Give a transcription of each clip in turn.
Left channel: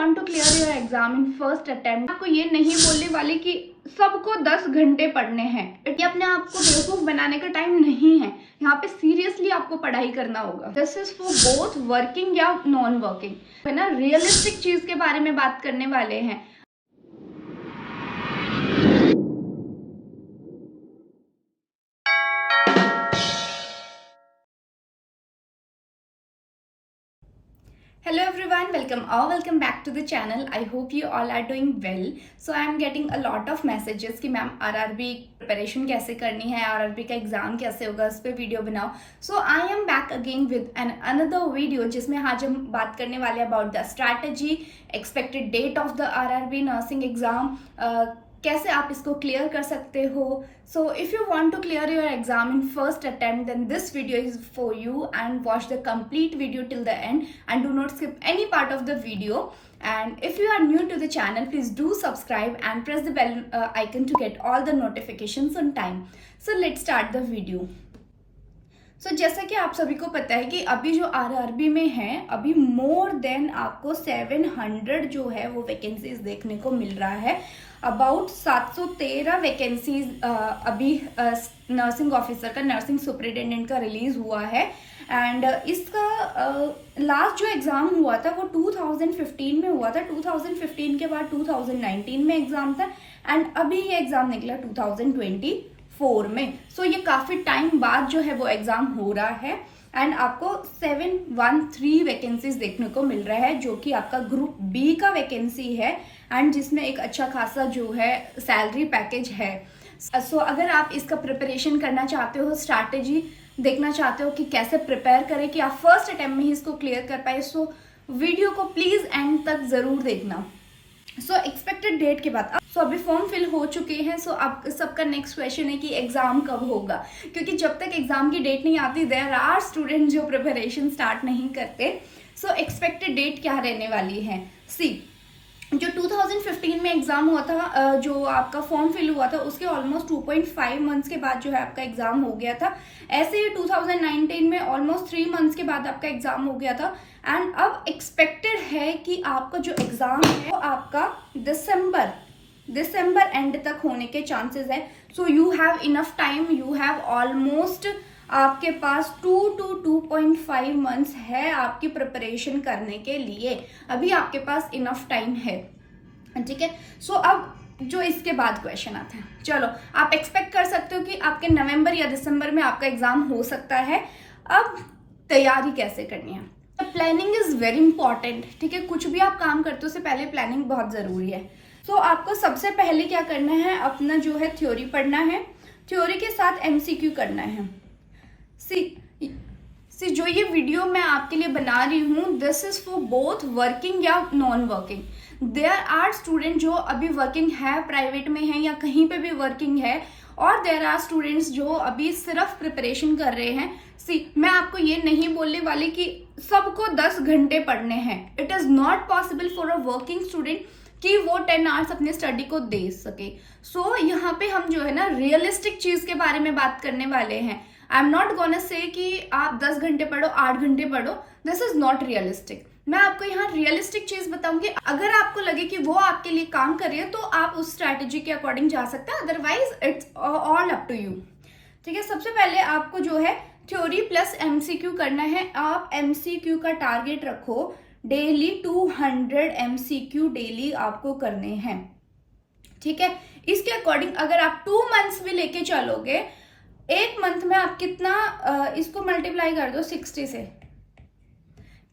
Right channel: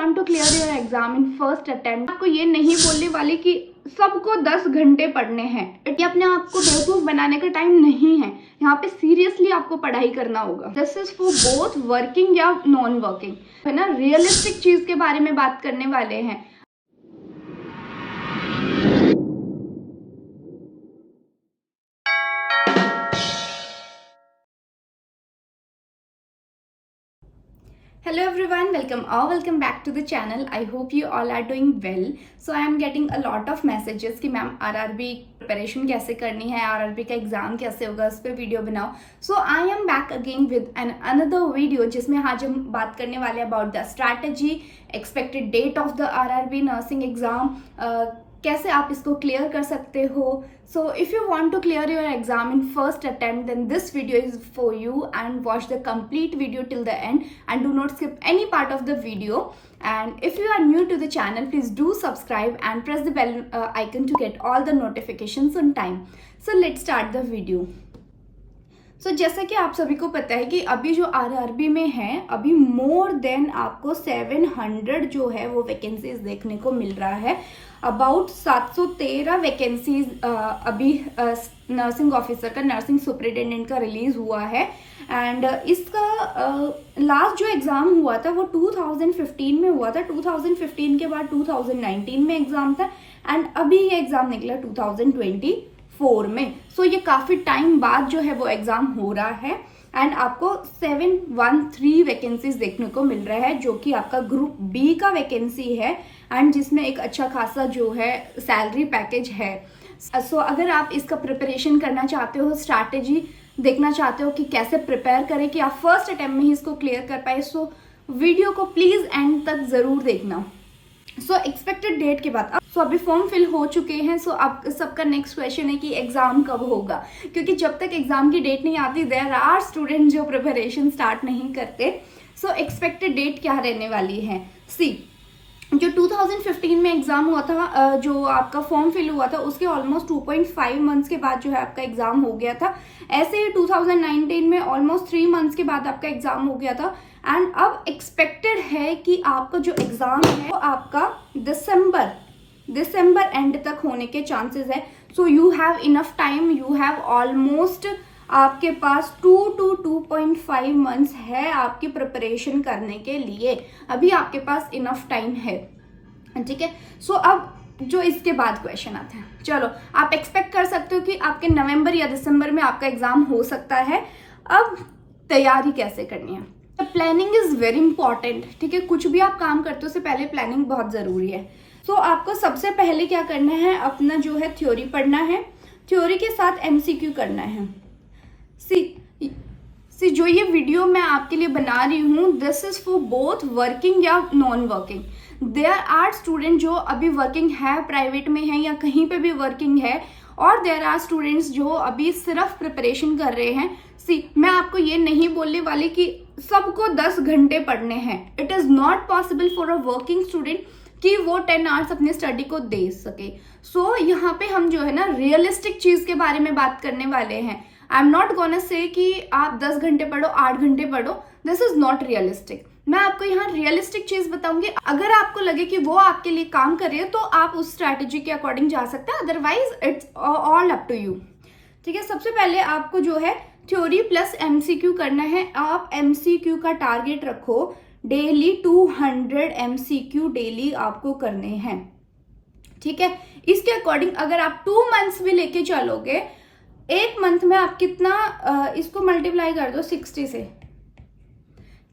want to clear your exam in first attempt, आपको ये नहीं बोलने वाले कि सबको 10 घंटे पढ़ने हैं। ये अपने आप को बेवकूफ बनाने का टाइम नहीं है। यहाँ पे सीरियसली आपको पढ़ाई करना होगा। This is for both working या नॉन वर्किंग, है ना। रियलिस्टिक चीज के बारे में बात करने वाले हैं। Hello everyone, welcome back to the channel. I hope you all are doing well. So I am getting a lot of messages कि मैम RRB प्रिपरेशन कैसे करनी है, RRB का एग्जाम कैसे होगा, उस पर वीडियो बनाओ। So I am back again with an another video जिसमें आज हम बात करने वाले about the strategy, expected date of the RRB nursing exam, कैसे आप इसको क्लियर कर सकते हो। So if you want to clear your exam in first attempt then this video is for you and watch the complete video till the end and do not skip any part of the video. And if you are new to the channel, please do subscribe and press the bell icon to get all the notifications on time. So let's start the video. So जैसा कि आप सभी को पता है कि अभी जो RRB में है, अभी मोर देन आपको 700 जो है वो वैकेंसीज देखने को मिल रहा है। अबाउट 713 वैकेंसीज अभी नर्सिंग ऑफिसर का, नर्सिंग सुपरिटेंडेंट का रिलीज हुआ है। एंड इसका लास्ट जो एग्ज़ाम हुआ था वो 2015 में हुआ था। 2015 के बाद 2019 में एग्ज़ाम था एंड अभी ये एग्ज़ाम निकला 2024 में। सो ये काफ़ी टाइम बाद जो है वो एग्ज़ाम हो रहा है एंड आपको 713 वैकेंसीज देखने को मिल रहा है, जो कि आपका ग्रुप बी का वैकेंसी है एंड जिसमें एक अच्छा खासा जो है सैलरी पैकेज है। सो अगर आप इसका प्रिपरेशन करना चाहते हो, स्ट्रैटेजी देखना चाहते हो कि कैसे प्रिपेयर करें कि आप फर्स्ट अटेम्प्ट में ही इसको क्लियर कर पाए, सो वीडियो को प्लीज एंड तक जरूर देखना। सो एक्सपेक्टेड डेट के बाद अभी फॉर्म फिल हो चुके हैं। सो अब सबका नेक्स्ट क्वेश्चन है कि एग्जाम कब होगा, क्योंकि जब तक एग्जाम की डेट नहीं आती देयर आर स्टूडेंट जो प्रिपरेशन स्टार्ट नहीं करते। सो एक्सपेक्टेड डेट क्या रहने वाली है। सी जो 2015 में एग्जाम हुआ था, जो आपका फॉर्म फिल हुआ था, उसके ऑलमोस्ट 2.5 मंथ्स के बाद जो है आपका एग्जाम हो गया था। ऐसे ही 2019 में ऑलमोस्ट 3 मंथ्स के बाद आपका एग्जाम हो गया था एंड अब एक्सपेक्टेड है कि आपका जो एग्जाम है वो आपका दिसंबर एंड तक होने के चांसेस है। So you have enough time, you have almost आपके पास 2 to 2.5 मंथ्स है आपकी प्रिपरेशन करने के लिए। अभी आपके पास इनफ टाइम है, ठीक है। सो अब जो इसके बाद क्वेश्चन आता है, चलो आप एक्सपेक्ट कर सकते हो कि आपके नवंबर या दिसंबर में आपका एग्जाम हो सकता है। अब तैयारी कैसे करनी है। प्लानिंग इज वेरी इंपॉर्टेंट, ठीक है। कुछ भी आप काम करते हो उससे पहले प्लानिंग बहुत जरूरी है। सो आपको सबसे पहले क्या करना है, अपना जो है थ्योरी पढ़ना है, थ्योरी के साथ MCQ करना है। सी जो ये वीडियो मैं आपके लिए बना रही हूँ, this is for both working या non working. There are student जो अभी वर्किंग है, प्राइवेट में है या कहीं पे भी वर्किंग है, और देयर आर स्टूडेंट्स जो अभी सिर्फ प्रिपरेशन कर रहे हैं। सी मैं आपको ये नहीं बोलने वाली कि सबको 10 घंटे पढ़ने हैं। It is not possible for a working student कि वो 10 आवर्स अपने स्टडी को दे सके। सो यहाँ पे हम जो है ना रियलिस्टिक चीज के बारे में बात करने वाले हैं। I am not gonna say कि आप 10 घंटे पढ़ो, 8 घंटे पढ़ो, दिस इज नॉट रियलिस्टिक। मैं आपको यहाँ रियलिस्टिक चीज बताऊंगी। अगर आपको लगे कि वो आपके लिए काम कर रही है तो आप उस स्ट्रैटेजी के अकॉर्डिंग जा सकते हैं, otherwise it's all up to you, ठीक है। सबसे पहले आपको जो है थ्योरी प्लस MCQ करना है। आप MCQ का टारगेट रखो डेली 200 MCQ डेली आपको करने हैं, ठीक है। इसके अकॉर्डिंग अगर आप 2 मंथ्स भी लेके चलोगे, एक मंथ में आप कितना इसको मल्टीप्लाई कर दो 60 से,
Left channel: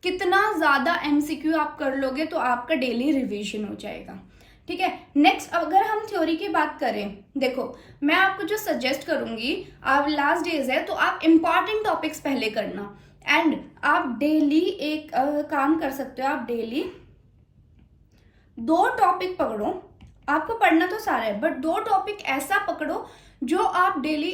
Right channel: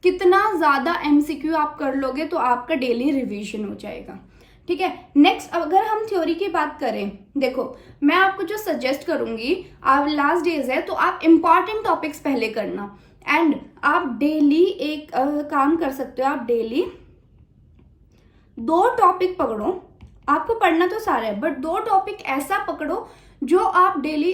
कितना ज्यादा MCQ आप कर लोगे तो आपका डेली रिवीजन हो जाएगा, ठीक है। नेक्स्ट अगर हम थ्योरी की बात करें, देखो मैं आपको जो सजेस्ट करूंगी, आप लास्ट डेज है तो आप इंपॉर्टेंट टॉपिक्स पहले करना एंड आप डेली एक काम कर सकते हो। आप डेली 2 टॉपिक पकड़ो। आपको पढ़ना तो सारा है बट 2 टॉपिक ऐसा पकड़ो जो आप डेली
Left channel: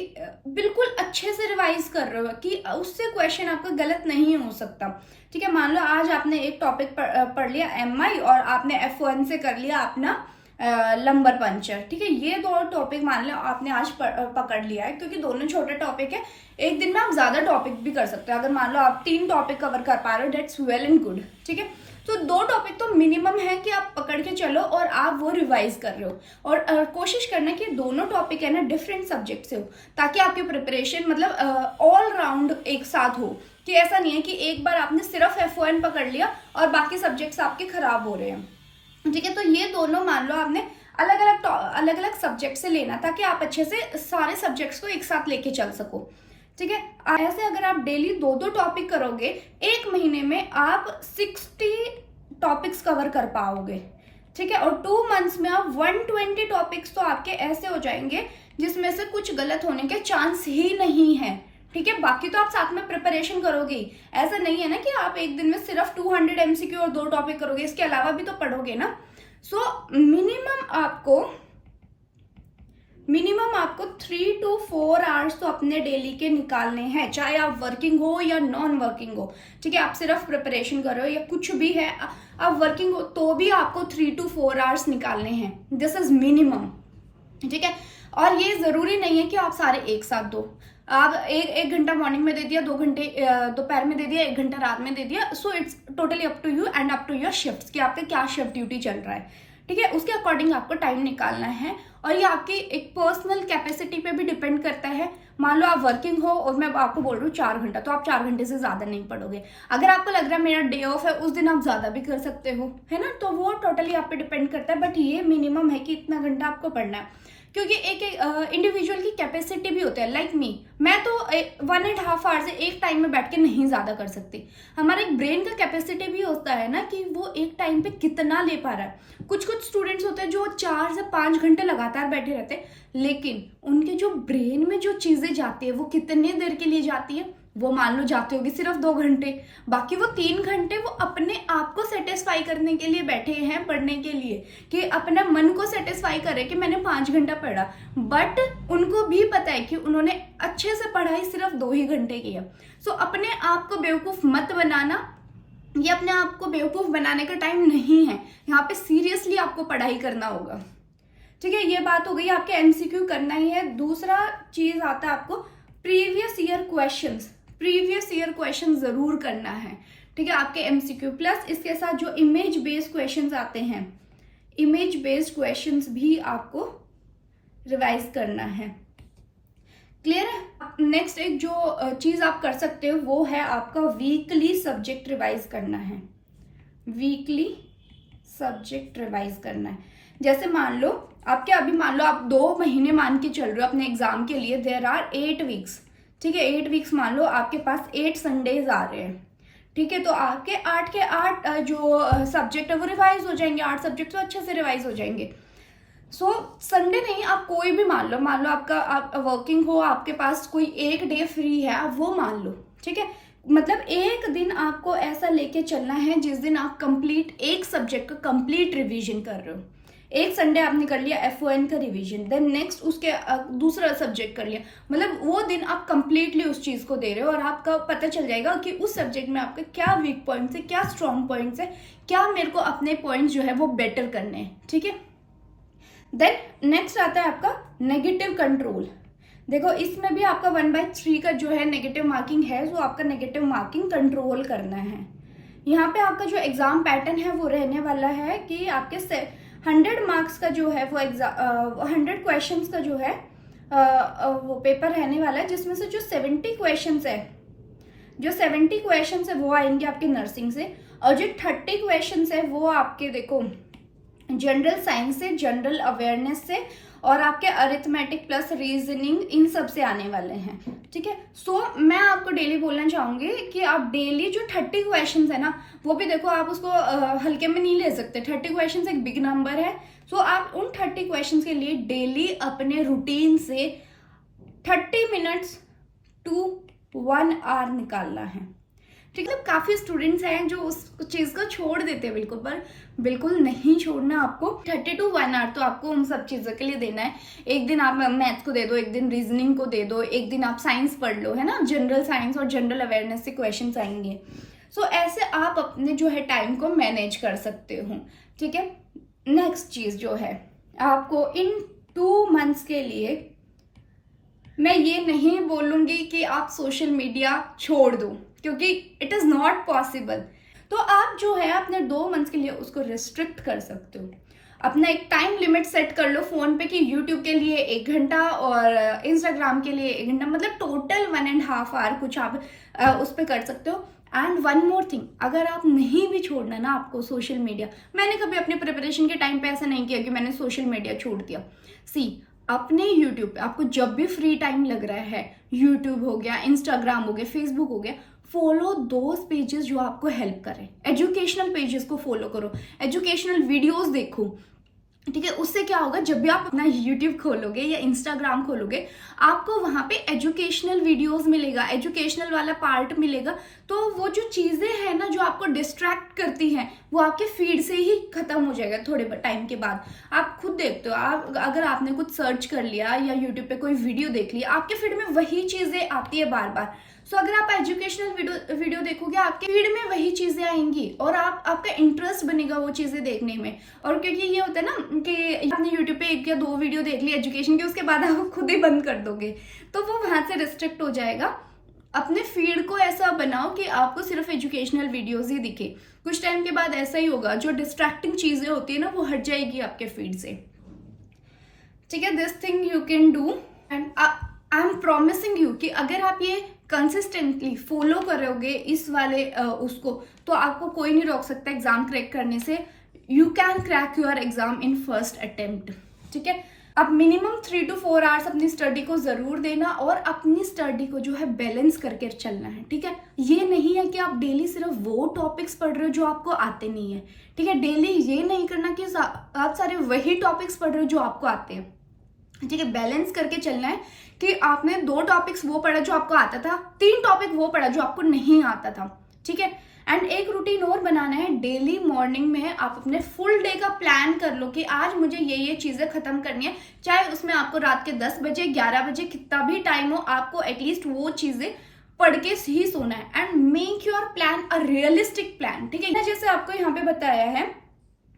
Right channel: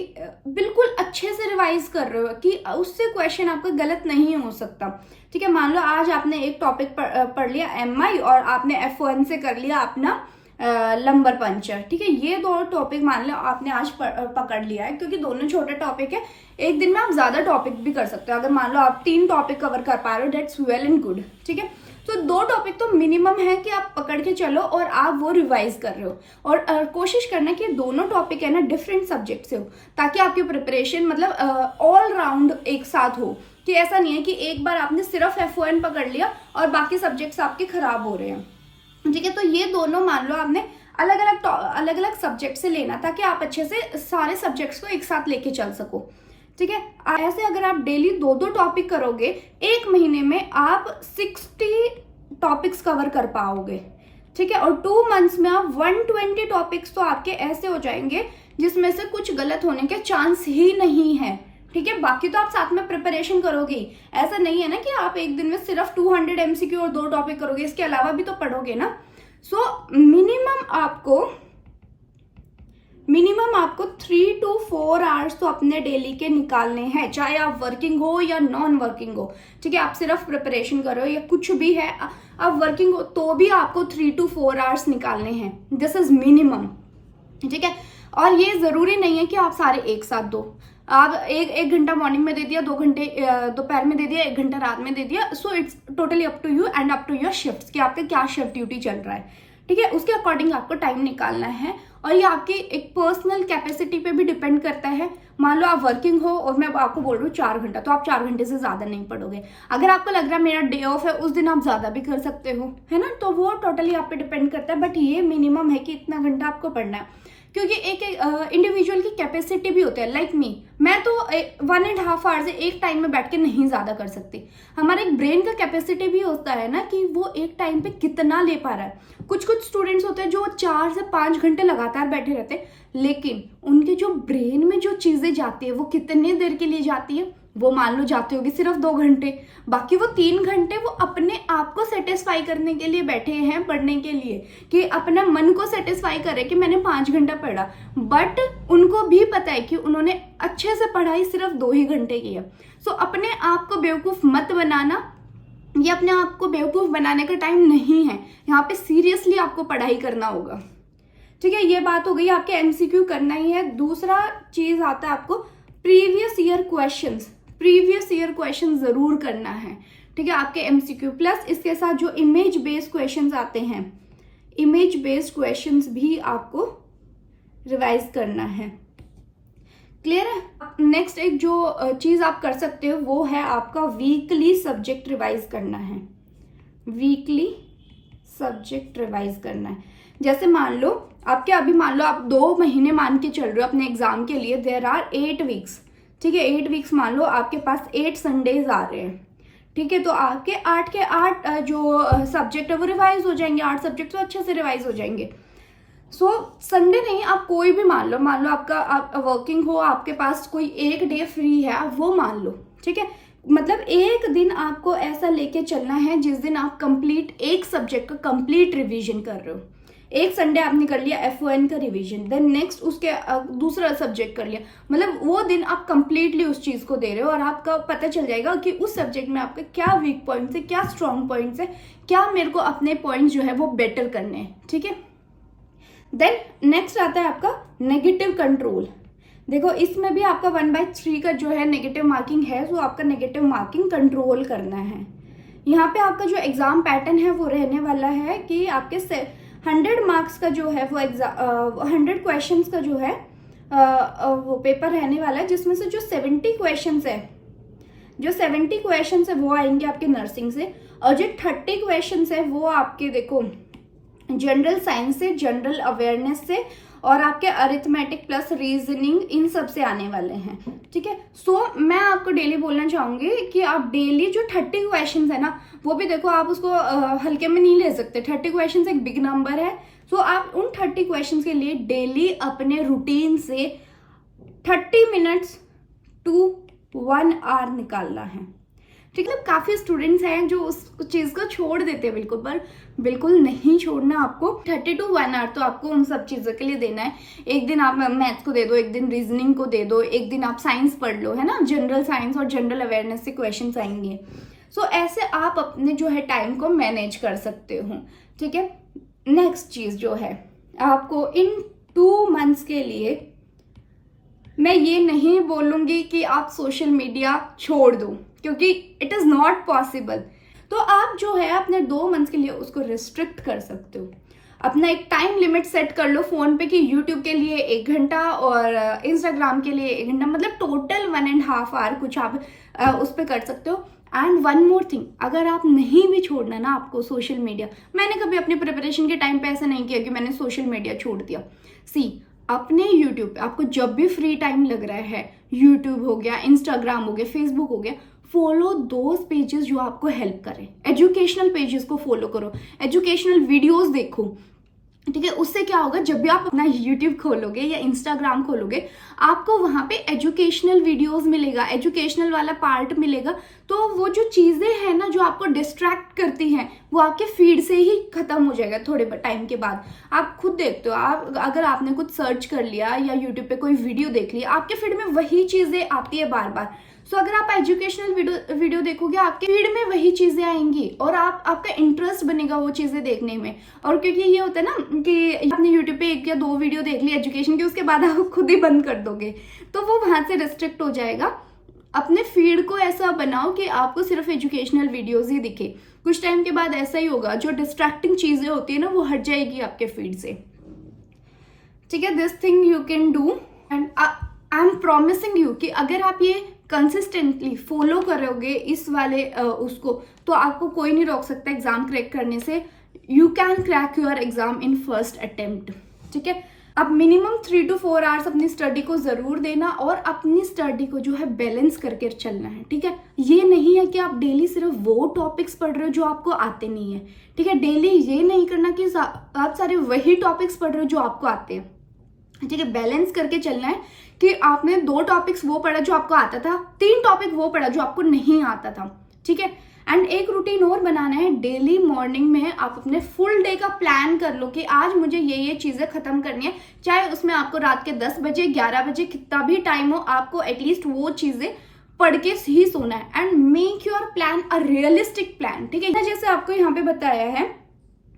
बिल्कुल अच्छे से रिवाइज कर रहे हो कि उससे क्वेश्चन आपका गलत नहीं हो सकता, ठीक है। मान लो आज आपने एक टॉपिक पढ़ लिया MI और आपने F1 से कर लिया अपना लंबर पंचर, ठीक है। ये 2 टॉपिक मान लो आपने आज पकड़ लिया है, क्योंकि दोनों छोटे टॉपिक है। एक दिन में आप ज्यादा टॉपिक भी कर सकते हो। अगर मान लो आप 3 टॉपिक कवर कर पा रहे हो, दैट्स वेल एंड गुड, ठीक है। तो 2 टॉपिक तो मिनिमम है कि आप पकड़ के चलो और आप वो रिवाइज कर रहे हो। और कोशिश करना कि दोनों टॉपिक है ना डिफरेंट सब्जेक्ट से हो, ताकि आपकी प्रिपरेशन मतलब ऑल राउंड एक साथ हो, कि ऐसा नहीं है कि एक बार आपने सिर्फ F1 पकड़ लिया और बाकी सब्जेक्ट्स आपके खराब हो रहे हैं। ठीक है, तो ये दोनों मान लो आपने अलग अलग सब्जेक्ट से लेना, ताकि आप अच्छे से सारे सब्जेक्ट्स को एक साथ लेके चल सको। ठीक है, ऐसे अगर आप डेली 2 टॉपिक करोगे, 1 महीने में आप 60 टॉपिक्स कवर कर पाओगे। ठीक है, और 2 मंथ्स में आप 120 टॉपिक्स तो आपके ऐसे हो जाएंगे जिसमें से कुछ गलत होने के चांस ही नहीं है। ठीक है, बाकी तो आप साथ में प्रिपरेशन करोगे, ऐसा नहीं है ना कि आप एक दिन में सिर्फ 200 MCQ और 2 टॉपिक करोगे, इसके अलावा भी तो पढ़ोगे ना। सो मिनिमम आपको 3 to 4 आवर्स तो अपने डेली के निकालने हैं, चाहे आप वर्किंग हो या नॉन वर्किंग हो। ठीक है, आप सिर्फ प्रिपरेशन कर रहे हो या कुछ भी है, आप वर्किंग हो तो भी आपको 3 to 4 आवर्स निकालने हैं। This is minimum. ठीक है, और ये जरूरी नहीं है कि आप सारे एक साथ दो। आप एक घंटा मॉर्निंग में दे दिया, 2 घंटे दोपहर में दे दिया, 1 घंटा रात में दे दिया। So it's totally up to you and up to your shifts कि आपका क्या शिफ्ट ड्यूटी चल रहा है। ठीक है, उसके अकॉर्डिंग आपको टाइम निकालना है, और ये आपकी एक पर्सनल कैपेसिटी पे भी डिपेंड करता है। मान लो आप वर्किंग हो और मैं आपको बोल रही हूँ 4 घंटा, तो आप 4 घंटे से ज्यादा नहीं पढ़ोगे। अगर आपको लग रहा है मेरा डे ऑफ है, उस दिन आप ज्यादा भी कर सकते हो, है ना। तो वो टोटली आप पे डिपेंड करता है, बट ये मिनिमम है कि इतना घंटा आपको पढ़ना है, क्योंकि एक इंडिविजुअल की कैपेसिटी भी होती है। लाइक मैं तो 1.5 आवर से एक टाइम में बैठ के नहीं ज्यादा कर सकती। हमारा एक ब्रेन का कैपेसिटी भी होता है ना कि वो एक टाइम पे कितना ले पा रहा है। कुछ स्टूडेंट्स होते हैं जो 4 से 5 घंटे लगातार बैठे रहते हैं, लेकिन उनके जो ब्रेन में जो चीजें जाती है वो कितने देर के लिए जाती है, वो मान लो जाती होगी सिर्फ 2 घंटे, बाकी वो 3 घंटे वो अपने आप को सेटिस्फाई करने के लिए बैठे हैं, पढ़ने के लिए, कि अपना मन को सेटिस्फाई करे कि मैंने 5 घंटा पढ़ा। बट उनको भी पता है कि उन्होंने अच्छे से पढ़ाई सिर्फ 2 ही घंटे की है। सो अपने आप को बेवकूफ मत बनाना, ये अपने आप को बेवकूफ बनाने का टाइम नहीं है। यहाँ पे सीरियसली आपको पढ़ाई करना होगा। ठीक है, ये बात हो गई, आपके MCQ करना ही है। दूसरा चीज आता है आपको प्रीवियस ईयर क्वेश्चन जरूर करना है। ठीक है, आपके MCQ प्लस इसके साथ जो इमेज बेस्ड क्वेश्चंस आते हैं, इमेज बेस्ड क्वेश्चंस भी आपको रिवाइज करना है। क्लियर है। नेक्स्ट एक जो चीज आप कर सकते हो वो है आपका वीकली सब्जेक्ट रिवाइज करना है। वीकली सब्जेक्ट रिवाइज करना है। जैसे मान लो आपके अभी मान लो आप 2 महीने मान के चल रहे हो अपने एग्जाम के लिए, देयर आर 8 वीक्स। ठीक है, 8 वीक्स मान लो आपके पास 8 संडेज आ रहे हैं। ठीक है, तो आपके 8 के 8 जो सब्जेक्ट है वो रिवाइज हो जाएंगे, 8 सब्जेक्ट तो अच्छे से रिवाइज हो जाएंगे। सो संडे नहीं, आप कोई भी मान लो आपका आप वर्किंग हो, आपके पास कोई एक डे फ्री है, आप वो मान लो। ठीक है, मतलब एक दिन आपको ऐसा लेके चलना है जिस दिन आप कंप्लीट एक सब्जेक्ट का कंप्लीट रिवीजन कर रहे हो। एक संडे आपने कर लिया F1 का रिवीजन, देन नेक्स्ट उसके दूसरा सब्जेक्ट कर लिया, मतलब वो दिन आप कंप्लीटली उस चीज को दे रहे हो, और आपका पता चल जाएगा कि उस सब्जेक्ट में आपके क्या वीक पॉइंट्स है, क्या स्ट्रॉन्ग पॉइंट्स है, क्या मेरे को अपने पॉइंट्स जो है वो बेटर करने हैं। ठीक है, देन नेक्स्ट आता है आपका नेगेटिव कंट्रोल। देखो इसमें भी आपका 1/3 का जो है नेगेटिव मार्किंग है, जो आपका नेगेटिव मार्किंग कंट्रोल करना है। यहाँ पे आपका जो एग्जाम पैटर्न है वो रहने वाला है कि आपके 100 मार्क्स का जो है वो 100 क्वेश्चंस का जो है वो पेपर रहने वाला है, जिसमें से जो 70 क्वेश्चंस है वो आएंगे आपके नर्सिंग से, और जो 30 क्वेश्चंस है वो आपके देखो जनरल साइंस से, जनरल अवेयरनेस से, और आपके अरिथमेटिक प्लस रीजनिंग, इन सब से आने वाले हैं। ठीक है, सो मैं आपको डेली बोलना चाहूंगी कि आप डेली जो 30 क्वेश्चंस है ना, वो भी देखो आप उसको हल्के में नहीं ले सकते। 30 क्वेश्चंस एक बिग नंबर है। सो आप उन 30 क्वेश्चंस के लिए डेली अपने रूटीन से 30 मिनट्स टू 1 आवर निकालना है। ठीक है, काफी स्टूडेंट्स हैं जो उस चीज को छोड़ देते हैं बिल्कुल, पर बिल्कुल नहीं छोड़ना आपको। 30 to 1 आवर तो आपको उन सब चीजों के लिए देना है। एक दिन आप मैथ्स को दे दो, एक दिन रीजनिंग को दे दो, एक दिन आप साइंस पढ़ लो, है ना, जनरल साइंस और जनरल अवेयरनेस से क्वेश्चन आएंगे। सो ऐसे आप अपने जो है टाइम को मैनेज कर सकते हो। ठीक है, नेक्स्ट चीज जो है आपको इन 2 मंथ्स के लिए मैं ये नहीं बोलूंगी कि आप सोशल मीडिया छोड़ दो, क्योंकि इट इज नॉट पॉसिबल। तो आप जो है अपने 2 मंथ्स के लिए उसको रिस्ट्रिक्ट कर सकते हो। अपना एक टाइम लिमिट सेट कर लो फोन पे कि यूट्यूब के लिए 1 घंटा और इंस्टाग्राम के लिए 1 घंटा, मतलब टोटल 1.5 आवर कुछ आप उस पर कर सकते हो। एंड वन मोर थिंग, अगर आप नहीं भी छोड़ना ना आपको सोशल मीडिया, मैंने कभी अपनी प्रिपरेशन के टाइम पे ऐसा नहीं किया कि मैंने सोशल मीडिया छोड़ दिया। सी, अपने यूट्यूब पे आपको जब भी फ्री टाइम लग रहा है, यूट्यूब हो गया, इंस्टाग्राम हो गया, फेसबुक हो गया, फॉलो दोज पेजेस जो आपको हेल्प करें। एजुकेशनल पेजेस को फॉलो करो, एजुकेशनल वीडियोस देखो, ठीक है। उससे क्या होगा, जब भी आप अपना यूट्यूब खोलोगे या इंस्टाग्राम खोलोगे, आपको वहां पे एजुकेशनल वीडियोस मिलेगा, एजुकेशनल वाला पार्ट मिलेगा। तो वो जो चीजें हैं ना जो आपको डिस्ट्रैक्ट करती हैं, वो आपके फीड से ही खत्म हो जाएगा थोड़े टाइम के बाद। आप खुद देखते हो, आप अगर आपने कुछ सर्च कर लिया या यूट्यूब पे कोई वीडियो देख लिया, आपके फीड में वही चीजें आती है बार बार। सो अगर आप एजुकेशनल वीडियो देखोगे, आपके फीड में वही चीजें आएंगी और आपका इंटरेस्ट बनेगा वो चीजें देखने में। और क्योंकि ये होता है ना कि आपने यूट्यूब पे 1 या 2 वीडियो देख ली एजुकेशन की, उसके बाद आप खुद ही बंद कर दोगे, तो वो वहां से रिस्ट्रिक्ट हो जाएगा। अपने फीड को ऐसा बनाओ कि आपको सिर्फ एजुकेशनल वीडियोज ही दिखे। कुछ टाइम के बाद ऐसा ही होगा, जो डिस्ट्रैक्टिंग चीजें होती है ना वो हट जाएगी आपके फीड से, ठीक है। This thing you can do and I am promising you कि अगर आप ये कंसिस्टेंटली फॉलो करोगे इस वाले उसको, तो आपको कोई नहीं रोक सकता एग्जाम क्रैक करने से। You can crack your exam in first attempt, ठीक है। अब मिनिमम 3 to 4 आवर्स अपनी स्टडी को जरूर देना और अपनी स्टडी को जो है बैलेंस करके चलना है, ठीक है। ये नहीं है कि आप डेली सिर्फ वो टॉपिक्स पढ़ रहे हो जो आपको आते नहीं है, ठीक है। डेली ये नहीं करना कि आप सारे वही टॉपिक्स पढ़ रहे हो जो आपको आते हैं, ठीक है। बैलेंस करके चलना है कि आपने 2 टॉपिक्स वो पढ़ा जो आपको आता था, 3 टॉपिक वो पढ़ा जो आपको नहीं आता था, ठीक है। एंड एक रूटीन और बनाना है, डेली मॉर्निंग में आप अपने फुल डे का प्लान कर लो कि आज मुझे ये चीजें खत्म करनी है। चाहे उसमें आपको रात के 10 बजे 11 बजे कितना भी टाइम हो, आपको एटलीस्ट वो चीजें पढ़ के ही सोना है। And make your plan a realistic plan, ठीक है। जैसे आपको यहाँ पे बताया है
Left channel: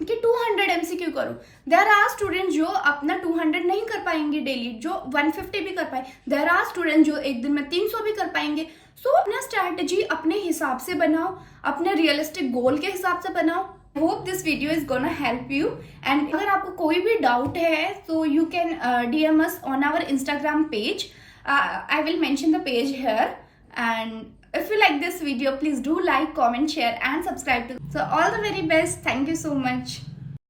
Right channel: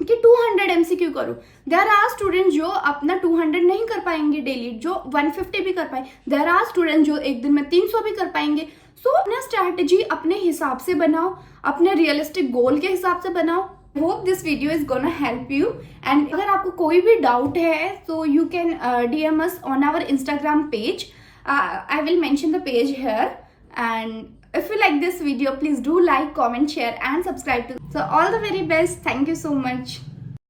कि 200 MCQ करो। देयर आर स्टूडेंट जो अपना 200 नहीं कर पाएंगे डेली, जो 150 भी कर पाए। देयर आर स्टूडेंट जो एक दिन में 300 भी कर पाएंगे। सो अपना स्ट्रैटेजी अपने हिसाब से बनाओ, अपने रियलिस्टिक गोल के हिसाब से बनाओ। Hope this video is gonna help you. And अगर आपको कोई भी डाउट है तो you can DM us on our Instagram page. I will mention the page here. And if you like this video, please do like, comment, share and subscribe to. So all the very best. Thank you so much.